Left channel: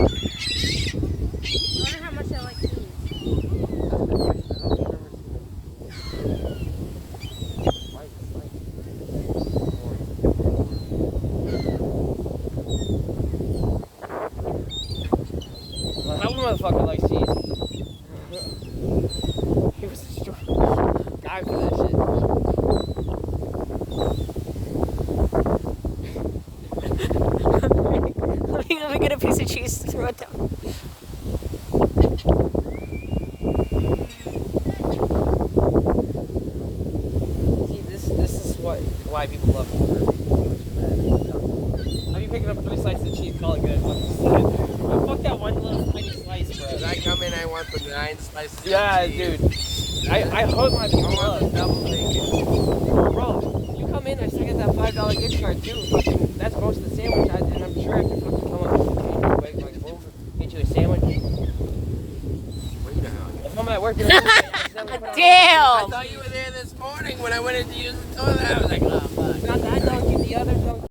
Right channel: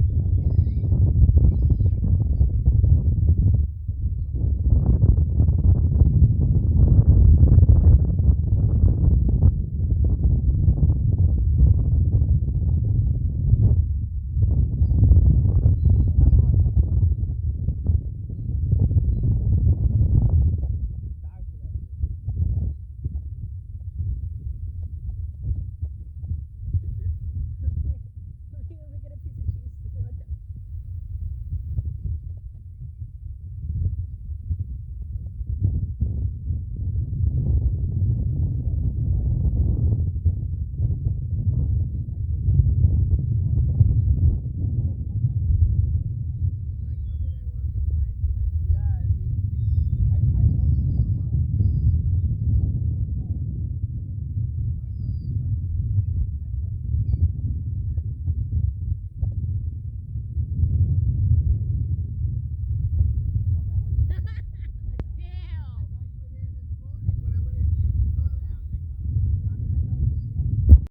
wonder how much I like cheese. Well, that motherfucker likes cheese. He was a strong guy for that shit. Let me get a piece of cheese to throw it down. See, this is why people love me. I'll be picking up 3 slices of cheese, call it good. Fuck that one little tiny slice, bro. When I come in, I want the 9 slices Yeah, of cheese. dude. I hurt my people I want up. the double bacon. Bro, you come in, I still get that $5 gift card too. Fucking, that's most of the sandwich, and I'm sure I can fucking come up and quick, like, boom, get you a sandwich. If I'm at work, you know, Damn! I thought you were there this morning when I went in to use the toilet. I was like, oh.